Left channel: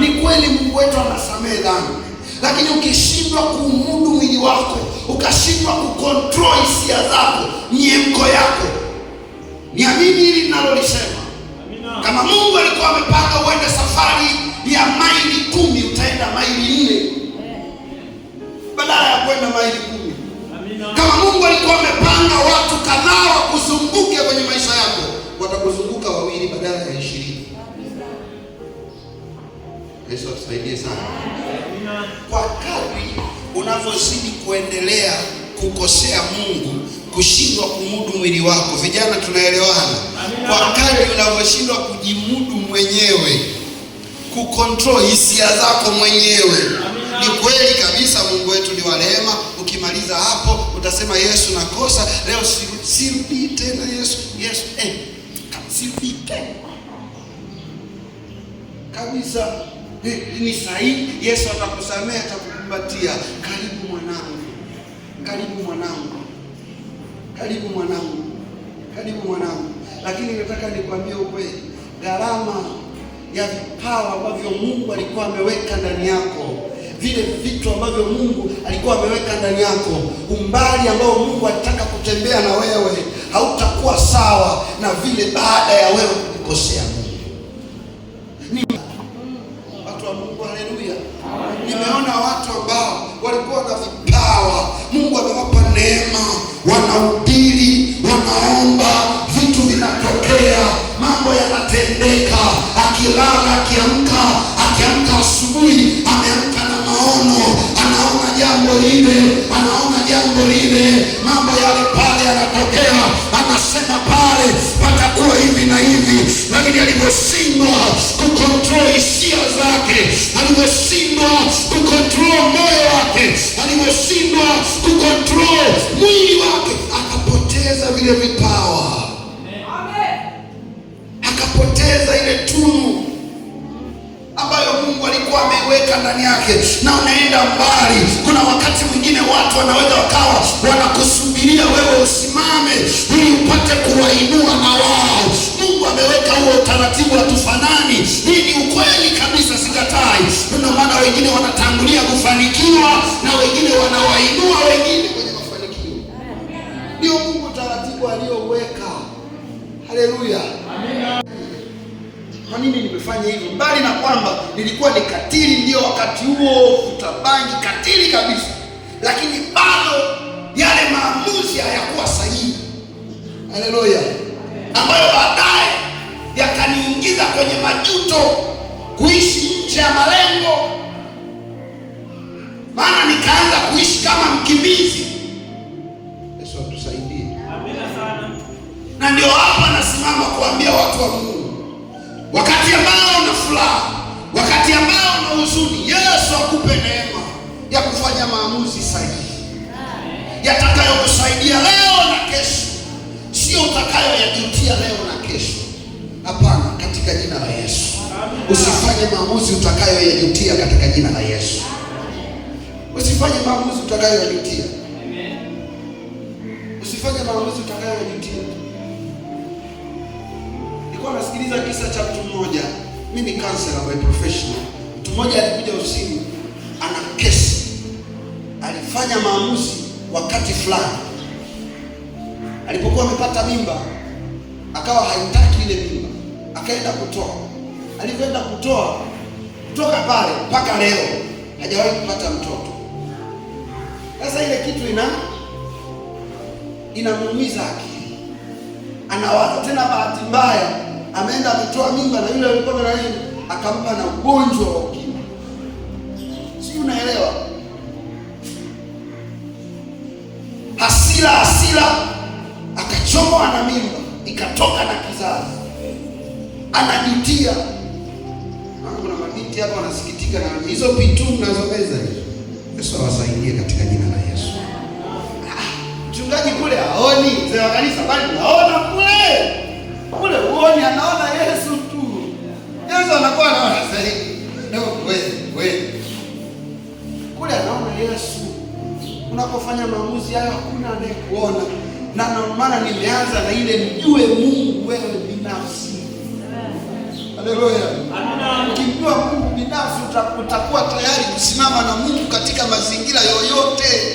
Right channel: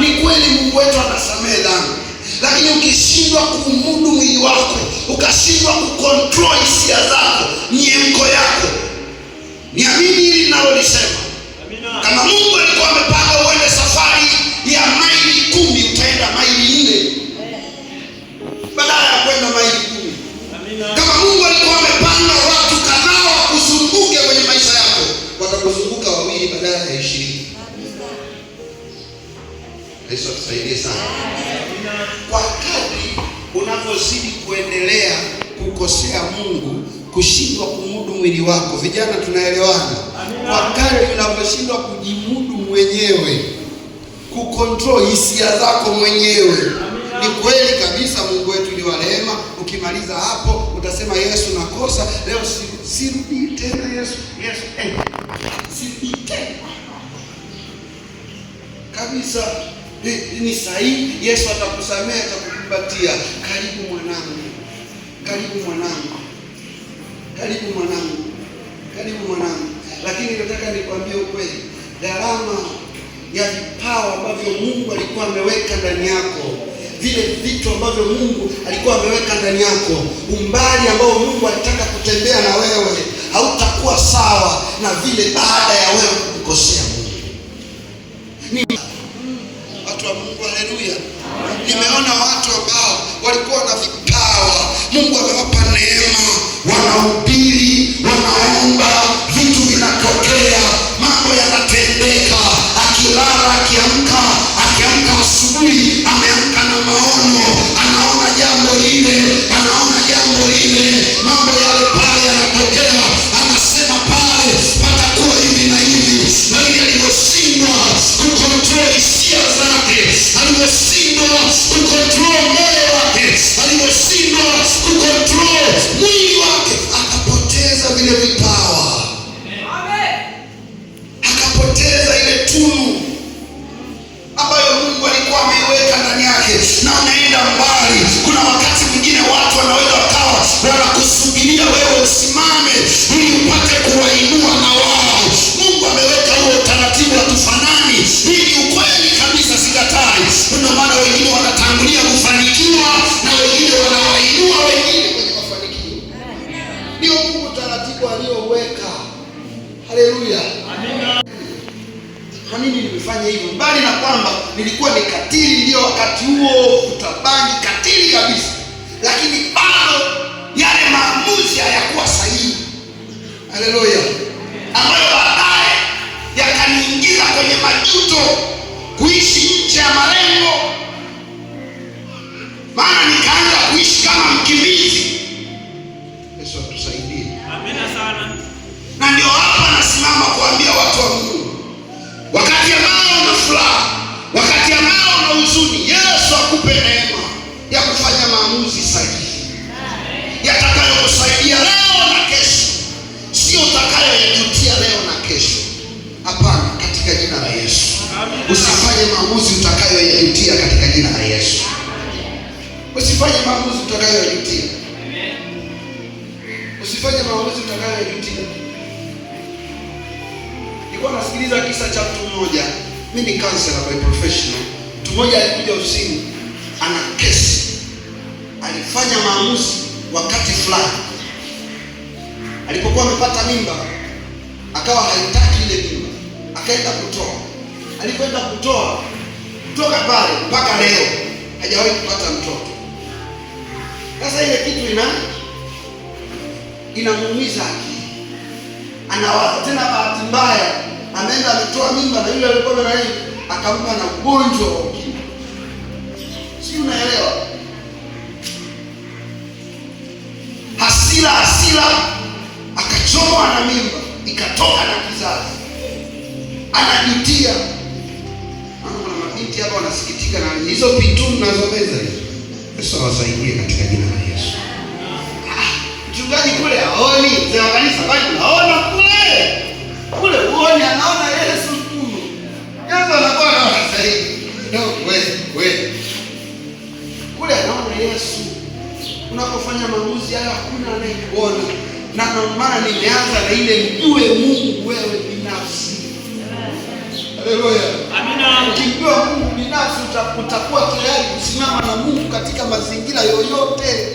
Ni kweli Mungu wetu anasamehe dhambi, lakini ukishindwa kuumudu mwili wako, ukashindwa kucontrol hisia zako, miemko yako, niamini hili ninalolisema. Kama Mungu alikuwa amepanga uende safari ya maili 10, utaenda maili 4 badala ya kwenda maili 10. Kama Mungu alikuwa amepanga watu kadhaa wakuzunguke kwenye maisha yako, watakuzunguka 2 badala ya 20. Yesu atusaidie sana. Kwa kadri unavyozidi kuendelea kukosea Mungu, kushindwa kumudu mwili wako, vijana tunaelewana? Kwa kadri unavyoshindwa kujimudu mwenyewe, kucontrol hisia zako mwenyewe. Ni kweli kabisa Mungu wetu ni wa rehema. Ukimaliza hapo utasema Yesu nakosa, leo sirudi tena Yesu. Sirudi tena. Kabisa. Ni sahihi. Yesu atakusamehe, atakukumbatia. Karibu mwanangu. Karibu mwanangu. Karibu mwanangu. Karibu mwanangu. Lakini nataka nikwambie ukweli. Gharama ya vipawa ambavyo Mungu alikuwa ameweka ndani yako, vile vitu ambavyo Mungu alikuwa ameweka ndani yako, umbali ambao Mungu alitaka kutembea na wewe, hautakuwa sawa na vile baada ya wewe kukosea Mungu. Watu wa Mungu, haleluya. Nimeona watu ambao walikuwa na vipawa, Mungu amewapa neema, wanahubiri, wanaomba, vitu vinatokea, mambo yanatendeka. Akilala, akiamka asubuhi, ameamka na maono, anaona jambo lile, mambo yale pale yanatokea, anasema pale patakuwa hivi na hivi. Lakini alivyoshindwa kucontrol hisia zake, alivyoshindwa kucontrol moyo wake, alivyoshindwa kucontrol mwili wake, akapoteza vile vipawa, akapoteza ile tunu ambayo Mungu alikuwa ameiweka ndani yake. Na unaenda mbali. Kuna wakati mwingine watu wanaweza wakawa wanakusubiria wewe usimame ili upate kuwainua na wao. Mungu ameweka huo utaratibu wa tufanani. Hii ni ukweli kabisa, sikatai. Ndio maana wengine wanatangulia kufanikiwa na wengine wanawainua wengine kwenye mafanikio. Ndio Mungu utaratibu aliyoweka. Haleluya. Amina. Kwa nini nimefanya hivyo? Mbali na kwamba nilikuwa ni katili, ndio wakati huo utabangi katili kabisa, lakini bado yale maamuzi hayakuwa sahihi. Haleluya. Ambayo baadaye yakaniingiza kwenye majuto, kuishi nje ya malengo, maana nikaanza kuishi kama mkimbizi. Yesu atusaidie. Amina sana. Na ndio hapa nasimama kuambia watu wa Mungu, wakati ambao una furaha, wakati ambao una huzuni, Yesu akupe neema ya kufanya maamuzi sahihi yatakayokusaidia leo na kesho, sio utakayoyajutia leo na kesho. Hapana, katika jina la Yesu. Usifanye maamuzi utakayoyajutia katika jina la Yesu. Usifanye maamuzi utakayoyajutia. Usifanye maamuzi utakayoyajutia. Nilikuwa nasikiliza kisa cha mtu mmoja. Mimi ni counselor by professional. Mtu mmoja alikuja ofisini, ana kesi. Alifanya maamuzi wakati fulani. Alipokuwa amepata mimba, akawa haitaki ile mimba, akaenda kutoa. Alipoenda kutoa, kutoka pale mpaka leo hajawahi kupata mtoto. Sasa ile kitu inamuumiza akili. Anawaza tena, bahati mbaya ameenda ametoa mimba na yule alikuwa na yeye akampa na ugonjwa wa ukimwi. Si unaelewa? Hasira akachomoa na mimba ikatoka na kizazi. Anajutia. Maana kuna mabinti hapa wanasikitika na hizo vitu tunazoweza hizo. Yesu awasaidie katika jina la Yesu. Mchungaji kule haoni, mzee wa kanisa bali naona kule uone, anaona Yesu tu. Yesu anakuwa anasaidia. No, wewe. Kule anaona Yesu. Unapofanya maamuzi haya hakuna anayekuona. Na ndio maana nimeanza na ile mjue Mungu wewe binafsi. Haleluya. Amina. Ukijua Mungu binafsi utakuwa tayari kusimama na Mungu katika mazingira yoyote.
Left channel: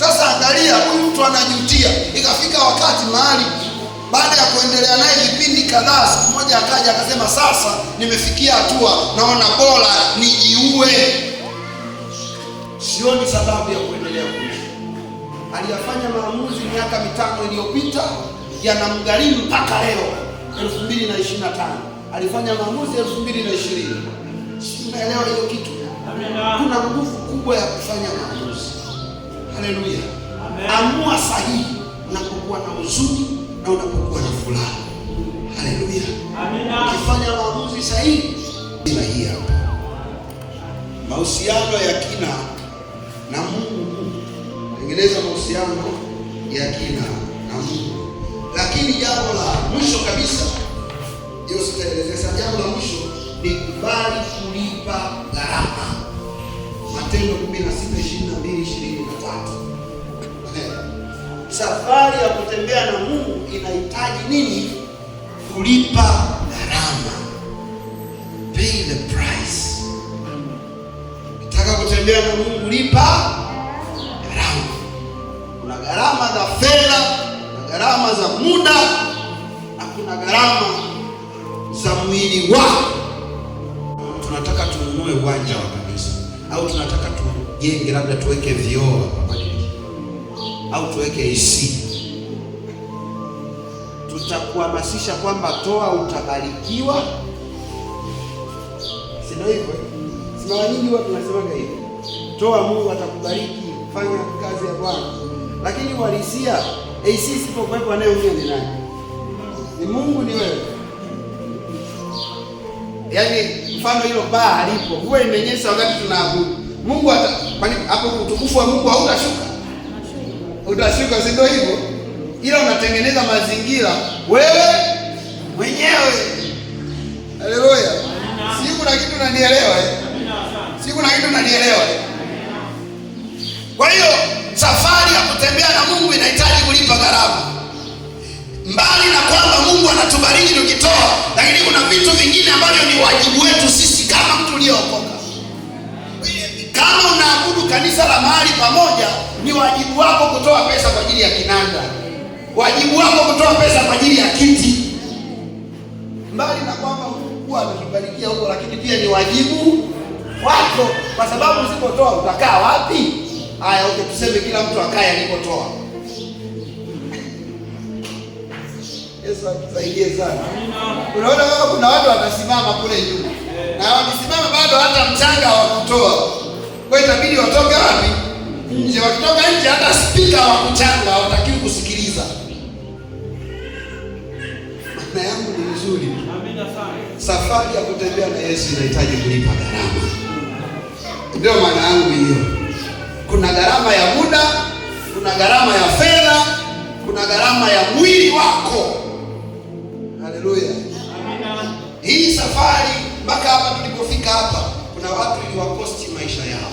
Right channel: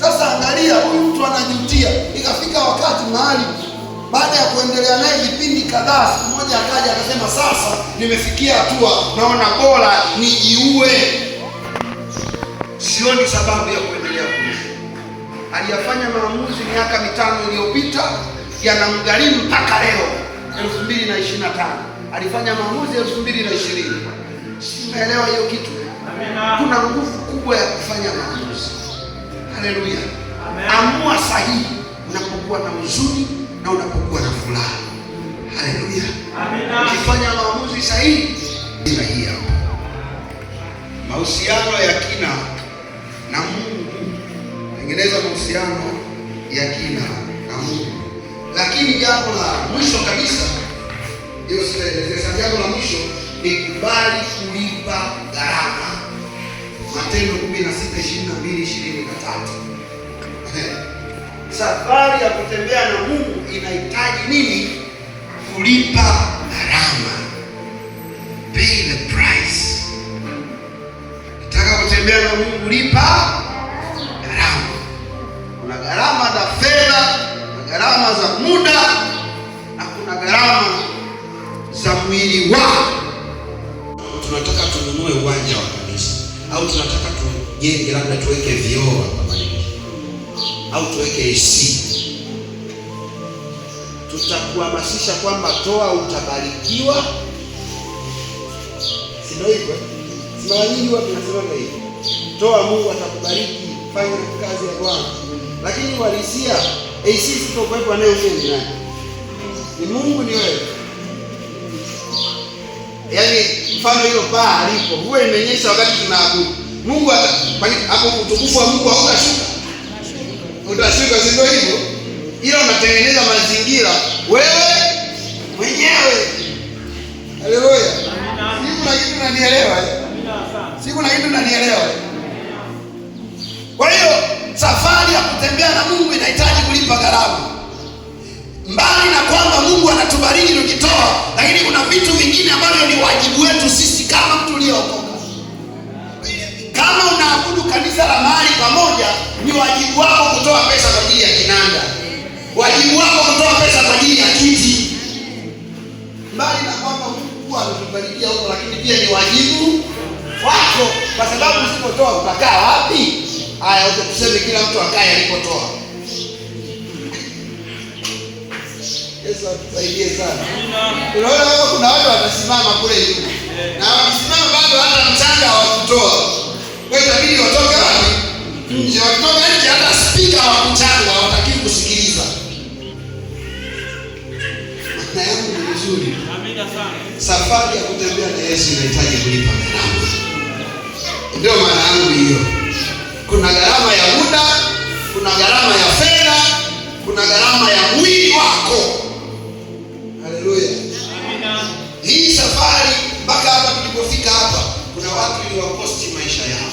Sasa angalia, huyu mtu anajutia. Ikafika wakati mahali, baada ya kuendelea naye vipindi kadhaa, siku moja akaja akasema, sasa nimefikia hatua naona bora nijiue, sioni sababu ya kuendelea kuishi. Aliyafanya maamuzi miaka 5 iliyopita, yanamgharimu mpaka leo 2025. Alifanya maamuzi 2020. Umeelewa hiyo kitu? Kuna nguvu kubwa ya kufanya maamuzi. Haleluya. Amua sahihi unapokuwa na huzuni na unapokuwa na furaha. Haleluya. Ukifanya maamuzi sahihi, hii hapa. Mahusiano ya kina na Mungu. Tengeneza mahusiano ya kina na Mungu. Lakini jambo la mwisho kabisa, hiyo sitaelezea. Jambo la mwisho ni kubali kulipa gharama. Matendo 16:22-23. Safari ya kutembea na Mungu inahitaji nini? Kulipa gharama. Pay the price. Ukitaka kutembea na Mungu, lipa gharama. Kuna gharama za fedha, kuna gharama za muda, na kuna gharama za mwili wako. Tunataka tununue uwanja wa kanisa, au tunataka tujenge, labda tuweke vioo hapa au tuweke AC. Tutakuhamasisha kwamba toa utabarikiwa, si ndio hivyo? Si mara nyingi watu wanasema hivyo, toa Mungu atakubariki, fanya kazi ya Bwana. Lakini uhalisia, AC sipokuwepo anayeumia ni nani? Ni Mungu, ni wewe. Yaani mfano hilo paa alipo, huwa imenyesha wakati tunaabudu. Mungu hapo, utukufu wa Mungu hautashuka. Utashuka, si ndio hivyo? Ila unatengeneza mazingira wewe mwenyewe. Haleluya. Si kuna kitu unanielewa? Si kuna kitu unanielewa? Kwa hiyo safari ya kutembea na Mungu inahitaji kulipa gharama. Mbali na kwamba Mungu anatubariki tukitoa, lakini kuna vitu vingine ambavyo ni wajibu wetu sisi kama mtu uliyookoka. Kama unaabudu kanisa la mahali pamoja, ni wajibu wako kutoa pesa kwa ajili ya kinanda. Wajibu wako kutoa pesa kwa ajili ya kiti. Mbali na kwamba Mungu ametubarikia huko, lakini pia ni wajibu wako, kwa sababu usipotoa utakaa wapi? Haya, tuseme kila mtu akae alipotoa. Yesu atusaidie sana. Unaona kama kuna watu watasimama kule juu, na wakisimama bado hata mchanga wa kutoa. Kwa hiyo itabidi watoke wapi? Nje. Wakitoka nje, hata spika wa mchanga hawataki kusikiliza. Maana yangu ni vizuri. Amina sana. Safari ya kutembea na Yesu inahitaji kulipa gharama. Ndio maana yangu hiyo. Kuna gharama ya muda, kuna gharama ya fedha, kuna gharama ya mwili wako. Haleluya. Amina. Hii safari mpaka hapa tulipofika hapa, kuna watu iliwakosti maisha yao.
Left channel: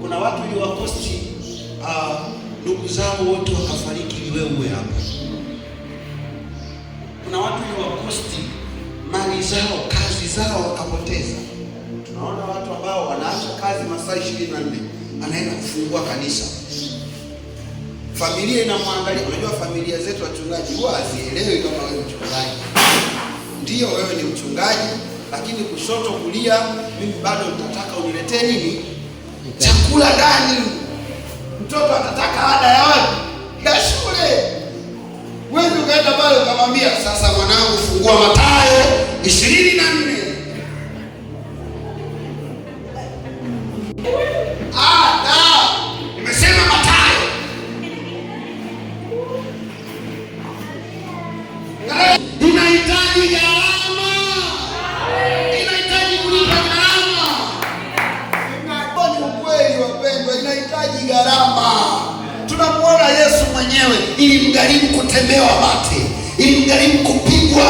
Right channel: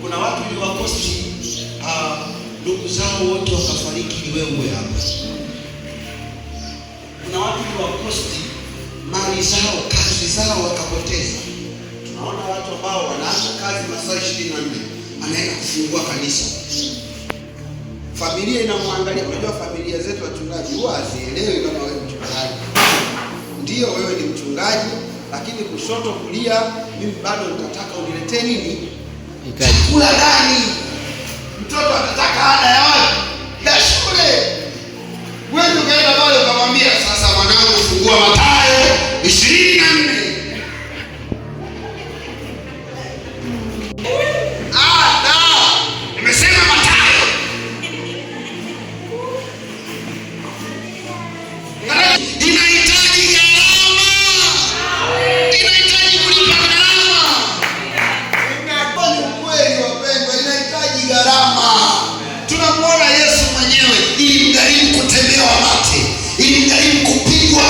Kuna watu iliwakosti ndugu zao wote wakafariki ili wewe uwe hapa. Kuna watu iliwakosti mali zao, kazi zao wakapoteza. Tunaona watu ambao wanaacha kazi masaa 24, anaenda kufungua kanisa. Familia inamwangalia. Unajua familia zetu wachungaji huwa hazielewi kama wewe mchungaji. Ndio wewe ni mchungaji, lakini kushoto kulia, mimi bado nitataka uniletee nini? Chakula gani? Mtoto atataka ada ya wapi? Ya shule. Wewe ukaenda pale ukamwambia, sasa mwanangu, fungua Mathayo 24. Nimesema Mathayo. Inahitaji gharama. Inahitaji kulipa gharama. Ni ukweli wapendwa, inahitaji gharama. Tunamuona Yesu mwenyewe, ili mgharimu kutemewa mate, ili mgharimu kupigwa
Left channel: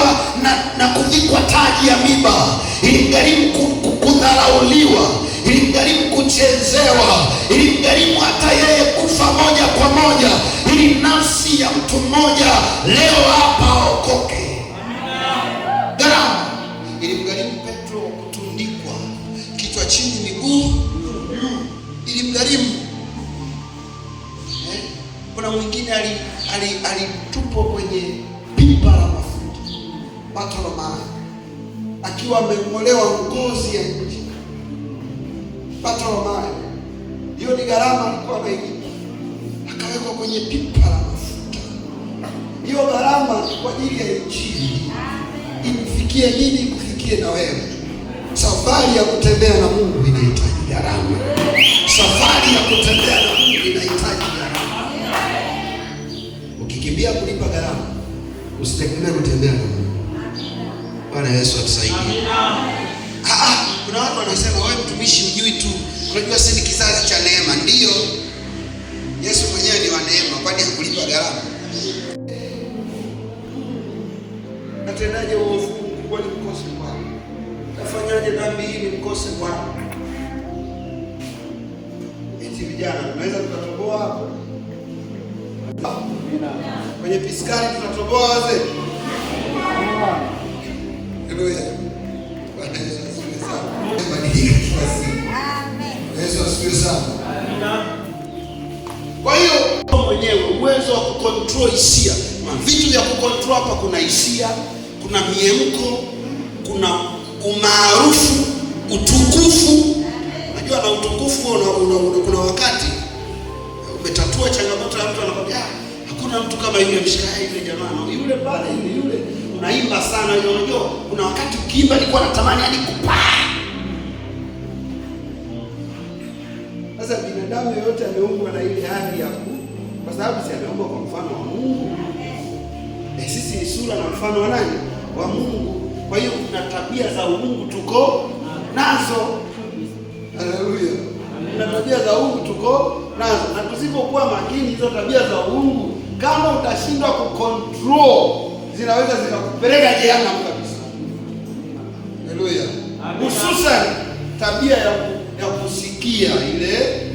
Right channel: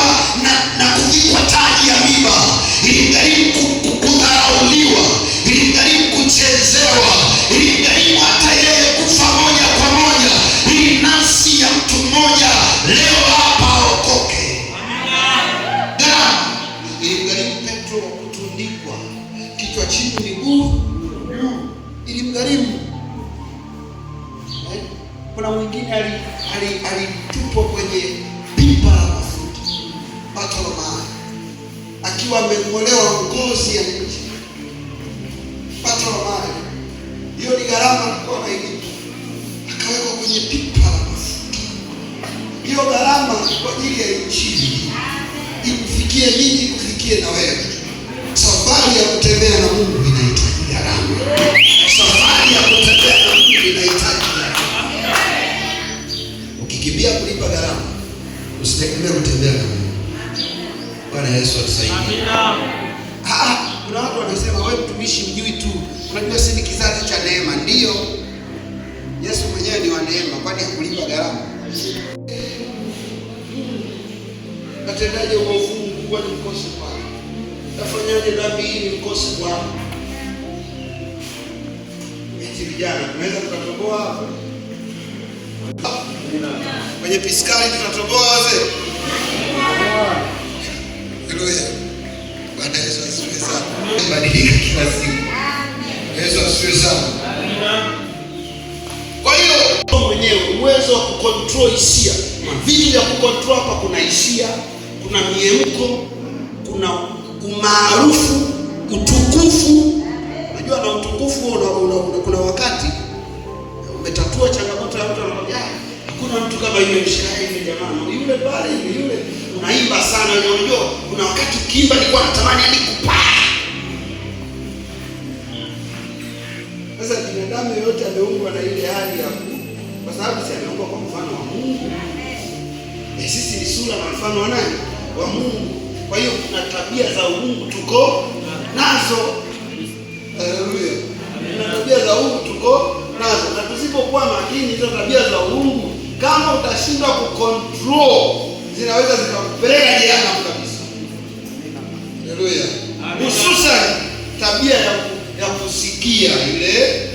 na kuvikwa taji ya miba, ili mgharimu kudharauliwa, ili mgharimu kuchezewa, ili mgharimu hata yeye kufa moja kwa moja, ili nafsi ya mtu mmoja leo hapa aokoke. Gharama. Ili mgharimu Petro kutundikwa kichwa chini, miguu juu, ilimgharimu. Kuna mwingine alitupwa kwenye pipa la mafuta, pato la maji, akiwa ameng'olewa ngozi ya nje. Pato la maji, hiyo ni gharama alikuwa anailipa, akawekwa kwenye pipa la mafuta. Hiyo gharama kwa ajili ya Injili imfikie mimi, kufikie na wewe. Safari ya kutembea na Mungu inahitaji gharama. Safari ya kutembea na Mungu inahitaji gharama. Ukikimbia kulipa gharama, usitegemee kutembea na Mungu. Bwana Yesu atusaidie. Kuna watu wanasema wewe mtumishi mjui tu. Unajua sisi ni kizazi cha neema. Ndio. Yesu mwenyewe ni wa neema, kwani hakulipa gharama? Natendaje uovu mkubwa nikose Bwana? Nafanyaje dhambi hii nikose Bwana? Eti vijana tunaweza tukatoboa hapo. Kwenye piskali tutatoboa wazee. Haleluya. Bwana Yesu asifiwe sana. Badilika kila siku. Yesu asifiwe sana. Kwa hiyo mwenyewe uwezo wa kucontrol hisia. Vitu vya kucontrol hapa, kuna hisia, kuna miemko, kuna umaarufu, utukufu. Unajua na utukufu kuna wakati umetatua changamoto ya mtu, anakwambia hakuna mtu kama yule mshikaji yule jamaa. Yule pale yule unaimba sana. Unajua kuna wakati ukiimba nilikuwa natamani yani kupaa. Sasa binadamu yote ameumbwa na ile hali ya kwa sababu si ameumbwa kwa mfano wa Mungu. Sisi ni sura na mfano wa nani? Wa Mungu. Kwa hiyo kuna tabia za Mungu tuko nazo. Haleluya. Kuna tabia za Mungu tuko nazo. Na tusipokuwa makini hizo tabia za Mungu, kama utashindwa kucontrol, zinaweza zikakupeleka jehanamu kabisa. Haleluya. Hususan tabia ya kusikia ile,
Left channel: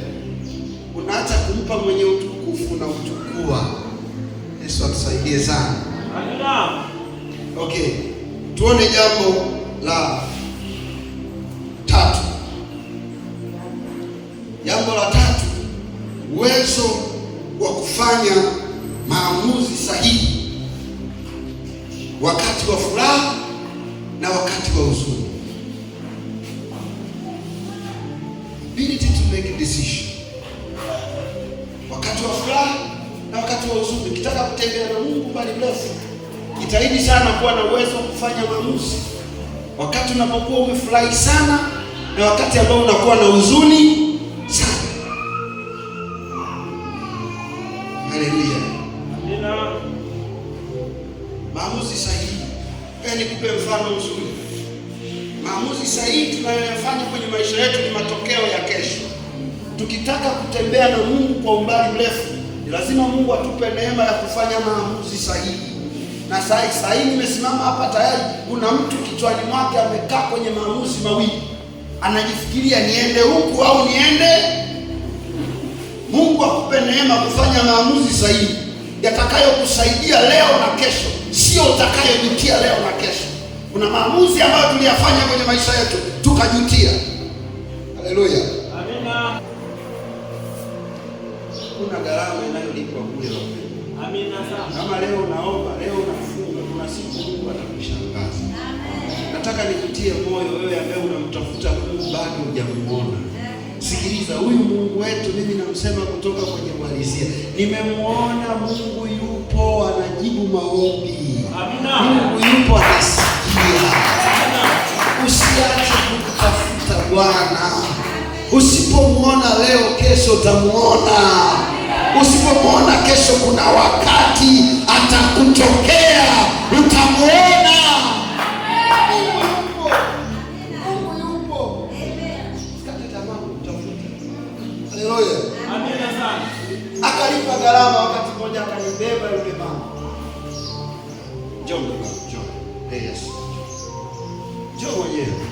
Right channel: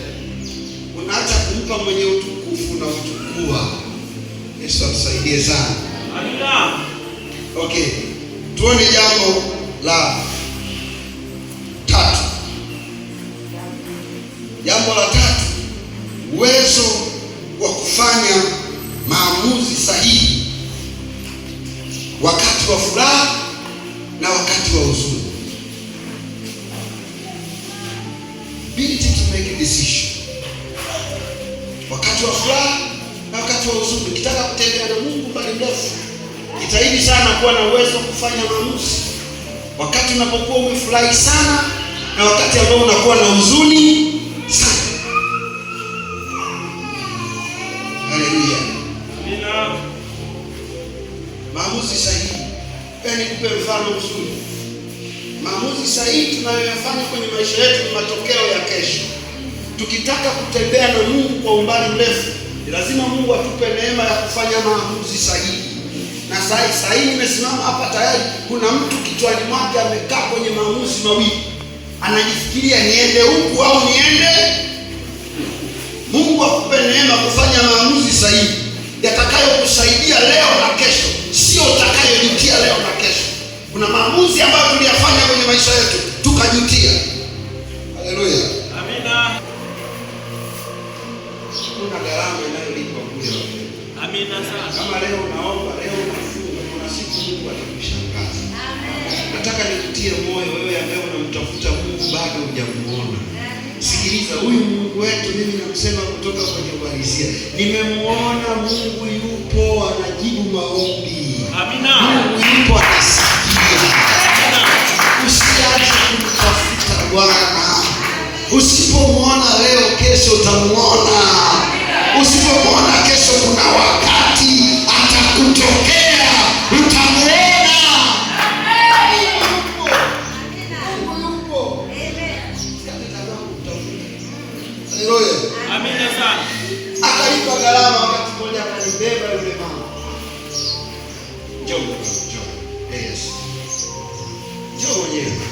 unaacha kumpa mwenye utukufu na utukua. Yesu atusaidie sana. Amina. Okay. Tuone jambo la tatu. Jambo la tatu, uwezo wa kufanya maamuzi sahihi wakati wa furaha na wakati wa huzuni. Ability to make a decision. Wakati wa furaha na wakati wa huzuni. Ukitaka kutembea na Mungu mbali mrefu, jitahidi sana kuwa na uwezo wa kufanya maamuzi wakati unapokuwa umefurahi sana na wakati ambao unakuwa na huzuni sana. Haleluya. Amina. Maamuzi sahihi. Nikupe mfano mzuri. Maamuzi sahihi tunayoyafanya kwenye maisha yetu ni matokeo ya kesho. Tukitaka kutembea na Mungu kwa umbali mrefu, lazima Mungu atupe neema ya kufanya maamuzi sahihi. Na sahihi nimesimama hapa tayari, kuna mtu kichwani mwake amekaa kwenye maamuzi mawili. Anajifikiria niende huku au niende. Mungu akupe neema kufanya maamuzi sahihi yatakayokusaidia leo na kesho, sio utakayojutia leo na kesho. Kuna maamuzi ambayo tuliyafanya kwenye maisha yetu tukajutia. Haleluya. Amina. Kuna gharama inayolipwa kule. Amina sana. Kama leo unaomba, leo unafunga, kuna siku Mungu atakushangaza. Nataka nikutie moyo wewe ambaye unamtafuta Mungu bado hujamuona. Sikiliza, huyu Mungu wetu mimi namsema kutoka kwenye uhalisia. Nimemuona Mungu yupo, anajibu maombi. Amina. Mungu yupo, anasikia. Amina. Usiache kumtafuta Bwana. Usipomuona leo, kesho utamuona. Usipomuona kesho, kuna wakati atakutokea, utamuona. Haleluya. Amina sana. Akalipa gharama wakati mmoja, akanibeba yule mama. Njoo. Yes. Njoo mwenyewe.